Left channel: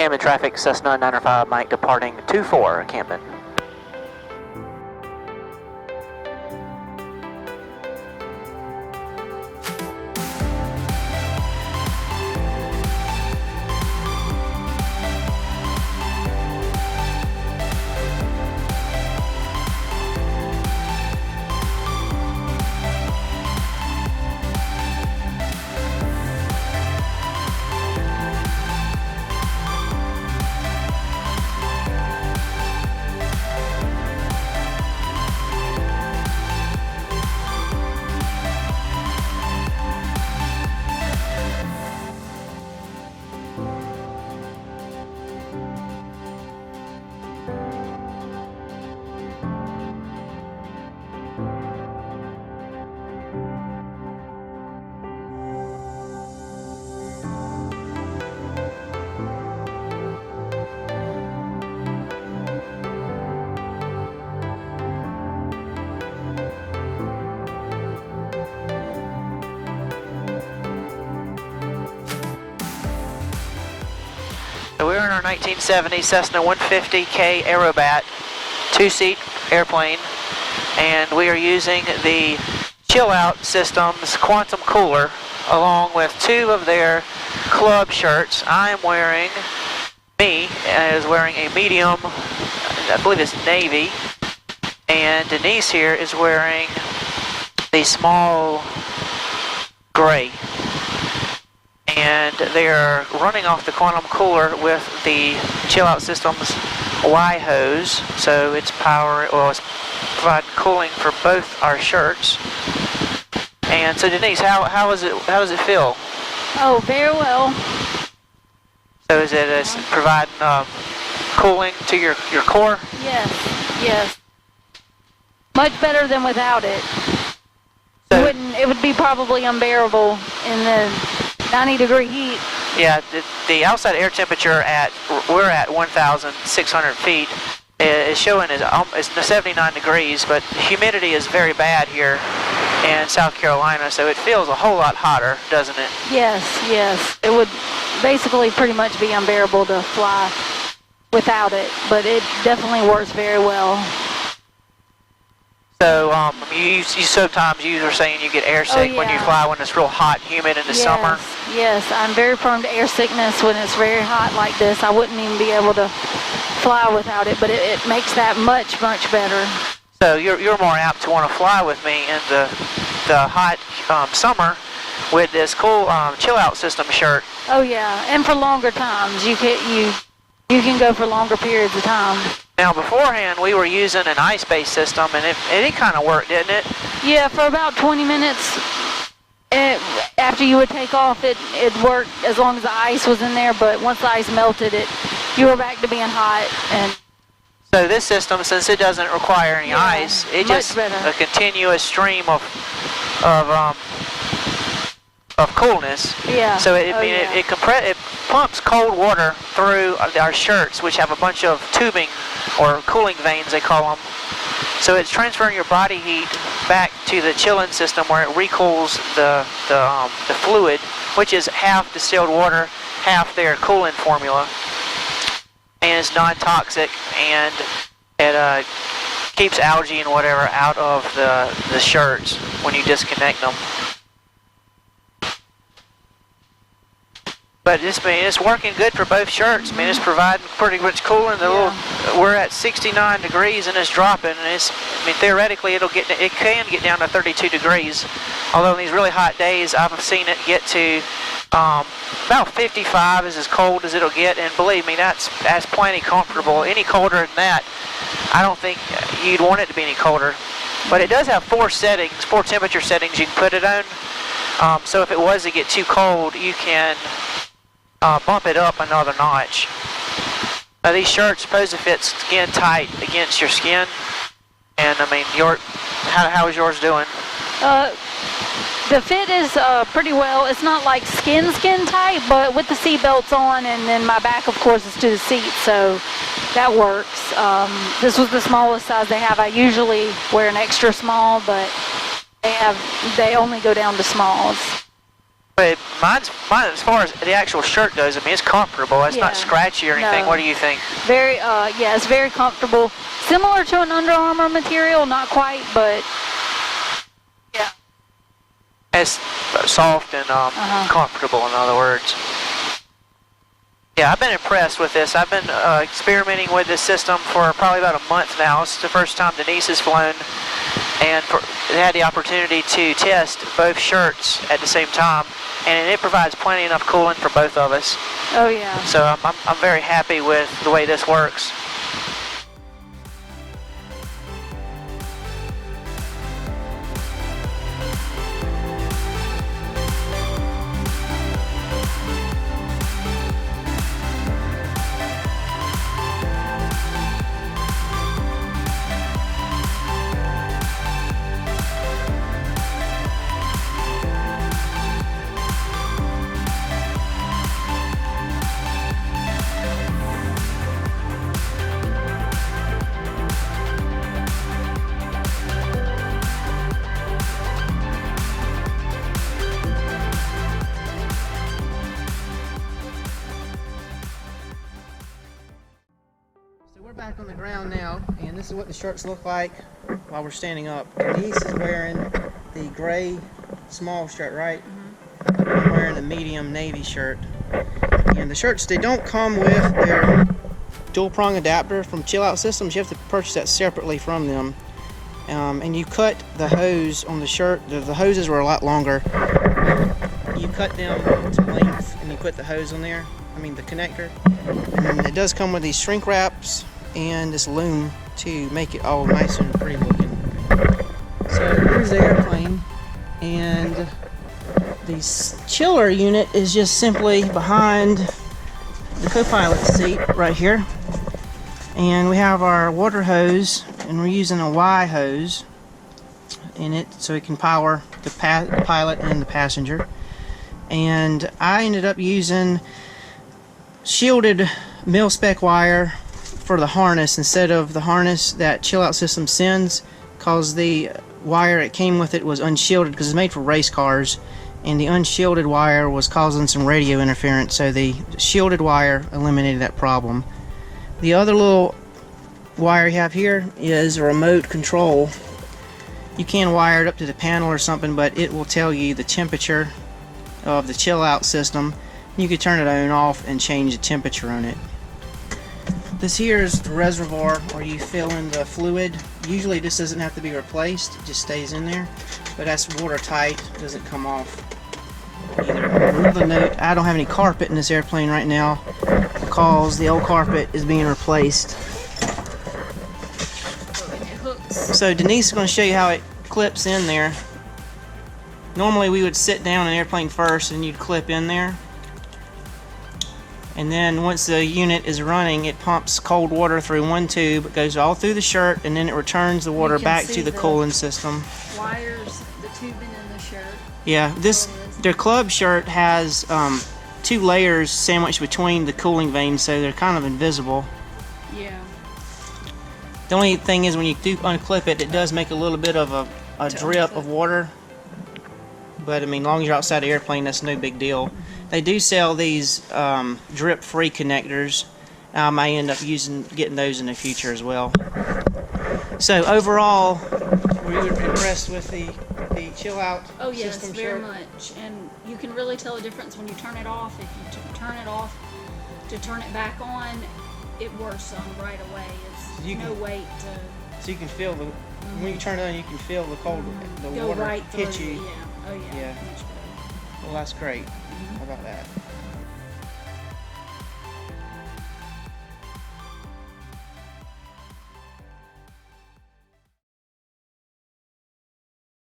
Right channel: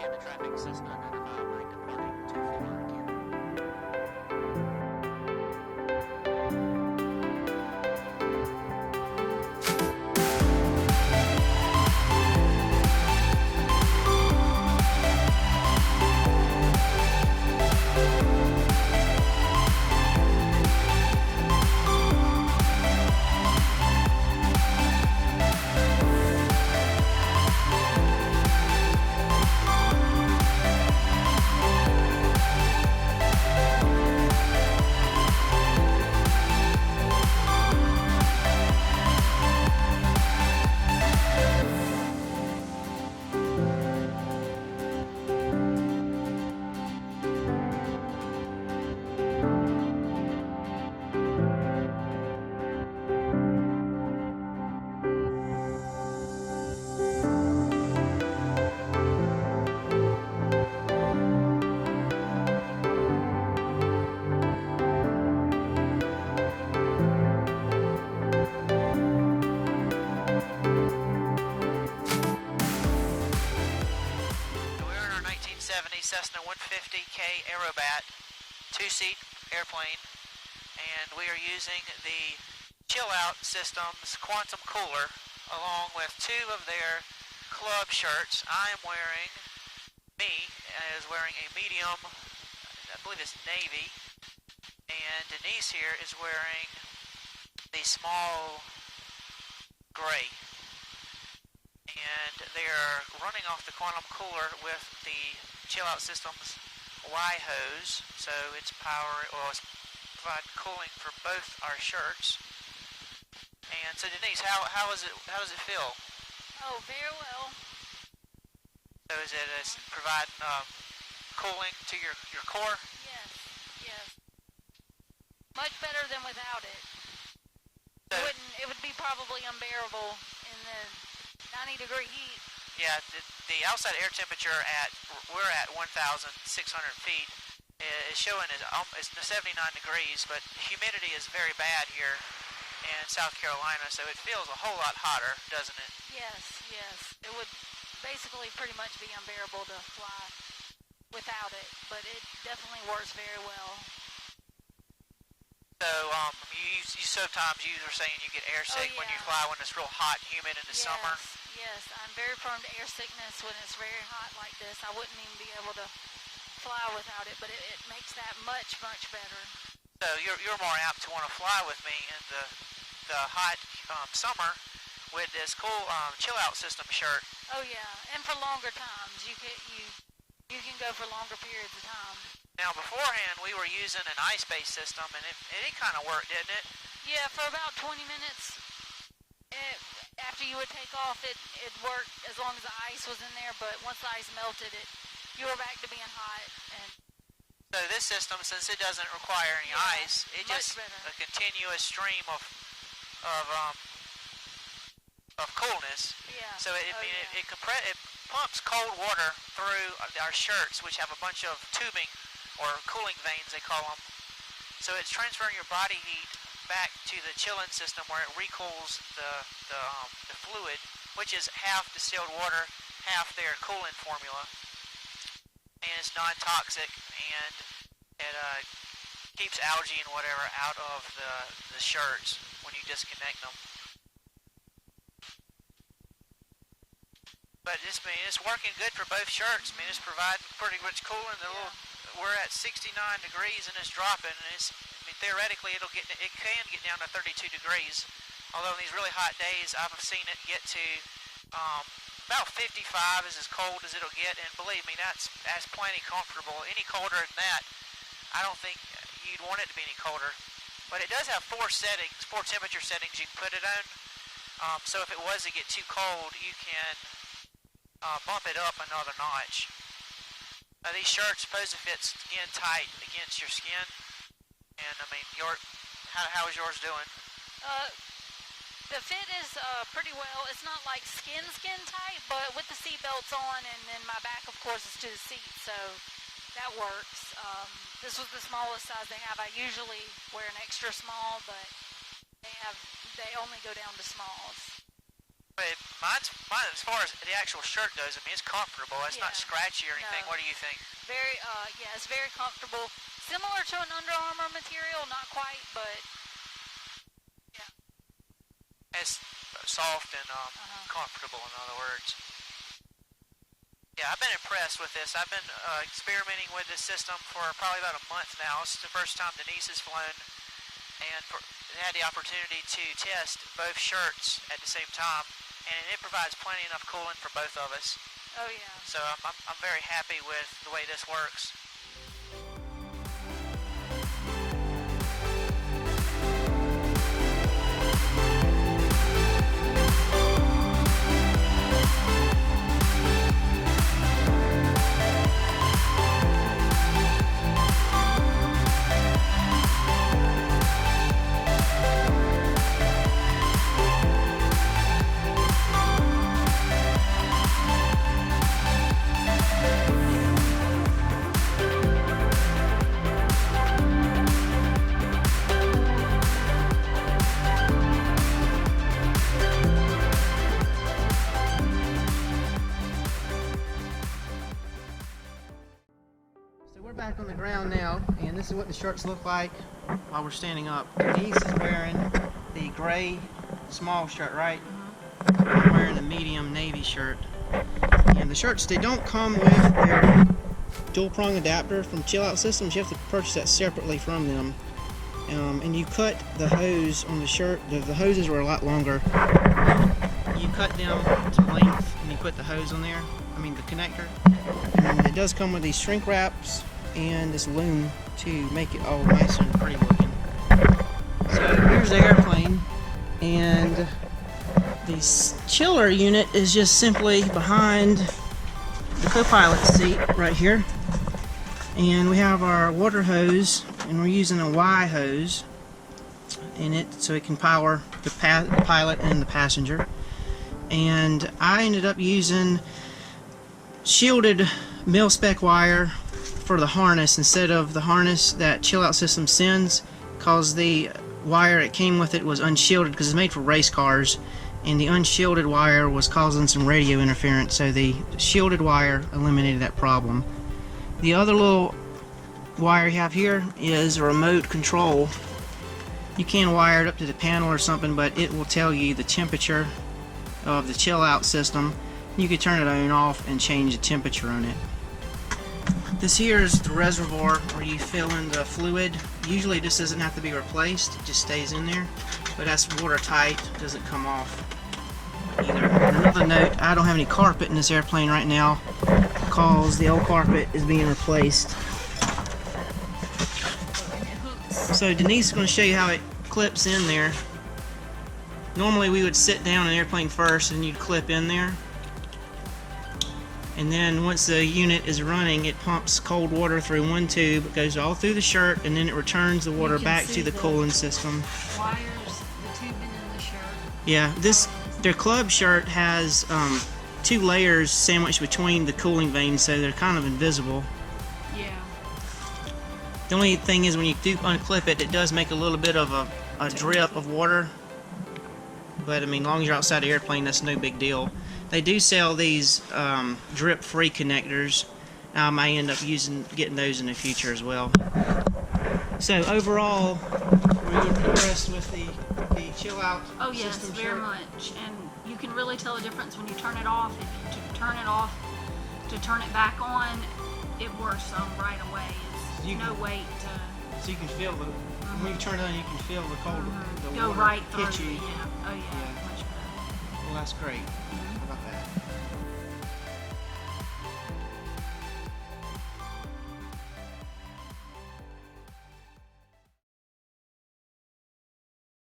Camden traffic, Cessna 905 Mike departing 24 Camden. So we're in our 1970 Cessna A150K Aerobat, two-seat airplane, and we are using the Chillout System's quantum cooler along with two of their club shirts. I am wearing, is wearing a medium, I believe it's navy, and Denise here is wearing the small gray. And they're running off the quantum cooler with the Chillout System's Y hose, so it's it's providing cooling for both our shirts. And so Denise, how does it feel? Oh, very well. So is it providing cooling to your core? Yes. Much better than without it. So, It would be probably unbearable in the 90-degree heat. Yeah, the outside air temperature we're at 1,600 feet is showing is 79 degrees, but humidity is very bad here in South Carolina, so it feels a whole lot hotter, doesn't it? Yes. It would basically pretty much be unbearable to fly without it, but it definitely works very well. So you sometimes you were saying you get air sick when you fly when it's real hot, humid in the summer. Yes, I'm very prone to air sickness when it's very hot like this. I wouldn't even be able to fly without it, but it makes that much better. So you're more apt to want to fly with me in the hot summer with this cool Chillout System shirt. Oh yeah, and for longer times you can go for longer periods of time. Now beforehand we were using an ice-based system, and it kind of worked, didn't it? Yeah, for about 20 minutes after you would take off, it worked as long as the ice was in there. But once the ice melted, you were back to being hot. And so this system, since it doesn't require any ice, it just a continuous stream of coolness. Yeah. So it pumps cold water through our shirts, which have a bunch of tubing or cooling veins, they call them. So it's transferring your body heat back to the chilling system where it recools the fluid, which is half distilled water, half their coolant formula, and it's non-toxic, and it keeps algae and whatever out of the shirts when you disconnect them. But it's working good for both shirts. I mean, it's providing pretty much cooling. We're at 69 degrees and it's dropping. And theoretically it can get down to 32 degrees. Although in these really hot days, I've seen it get to about 55 is as cold as it'll get. And believe me, that's plenty comfortable. Any colder than that, I don't think you'd want it to be any colder. But it does have four temperature settings you can put it on. So if it was to get too cold, you can bump it up another notch. Now these shirts supposed to fit skin tight against your skin, and I mean, how is yours doing? The fit is pretty well. It's not like skin tight, but with the seat belts on, and then my back, of course, is to the seat, so that works. This was the smallest size they have. I usually wear an extra small, but they only go down to smalls. But mine, as far as the actual shirt goes, I mean, it's comfortable. It's not scratchy or anything. No. What do you think? Very, yeah, it's very comfortable. Similar to an Under Armour material, not quite, but yeah. It's soft and comfortable, in other words. Yeah, I've been impressed with this. I've been experimenting with this system for probably about a month now. It's the first time Denise has flown, and had the opportunity to test both shirts at the same time, and it provides plenty enough cooling for both of us. Oh yeah. So I'm very happy with the way this works. We're back on the ground now, and this is what the shirts look like while we're standing up. Denise is wearing the gray small shirt, right? I'm wearing the medium navy shirt. And the shirts, they don't come with their dual prong adapter from Chillout Systems. You have to purchase that separately from them. And you cut the hose on the shirt. The hoses were a lot longer. You cut them to length and you put the hose on there. I mean the connector. And it does come with these shrink wraps and this loom to make it all nice and pretty looking. So here's the airplane, and the chiller unit is just simply behind the co-pilot seat right here. And we have our water hose, and we're using a Y hose in it so it can power the pilot and the passenger. And I ended up using shielded mil-spec wire for the harness instead of the harness that Chillout System sends, because the wire it came with it was unshielded because it's made for race cars, and the unshielded wire was causing some radio interference, so the shielded wire eliminated that problem. The other little wire you have here is a remote control. You can wire it up to the panel or something, but it will tell you the temperature of the Chillout system. You can turn it on and off and change the temperature on it. This here is the reservoir where you fill in the fluid. Usually this doesn't have to be replaced, it just stays in there, but that's watertight, doesn't come off either. And another note, I don't have any carpet in this airplane right now because the old carpet is being replaced. So Denise is going to show you how it clips in there. Normally we would sit down in an airplane first and you'd clip in there. And then once the unit is running, it pumps cold water through one tube, it goes all through the shirt, and then it returns the water back to the cooling system. Wires, the tubing in the shirt. Yeah, their club shirt has 2 layers sandwiched between the cooling vanes, so they're kind of invisible. Yeah. The only thing is when you do unclip it, it does make a little bit of a drip of water. But I mean, as long as you're outside the airplane, that's no big deal. They do sell these drip-free connectors. I may end up getting those in the future as well. So overall, were you impressed with the Chillout system? Oh yes, very shirt? much. And you can really tell the difference when you turn it off. If you turn it off to turn it back on, it works right away. It's no weight to... So you can feel the when you turn it on, you can feel the cold, the go water right hit through. you. Yeah. Oh yeah. Yeah. Much better. Well, that's great. How about that?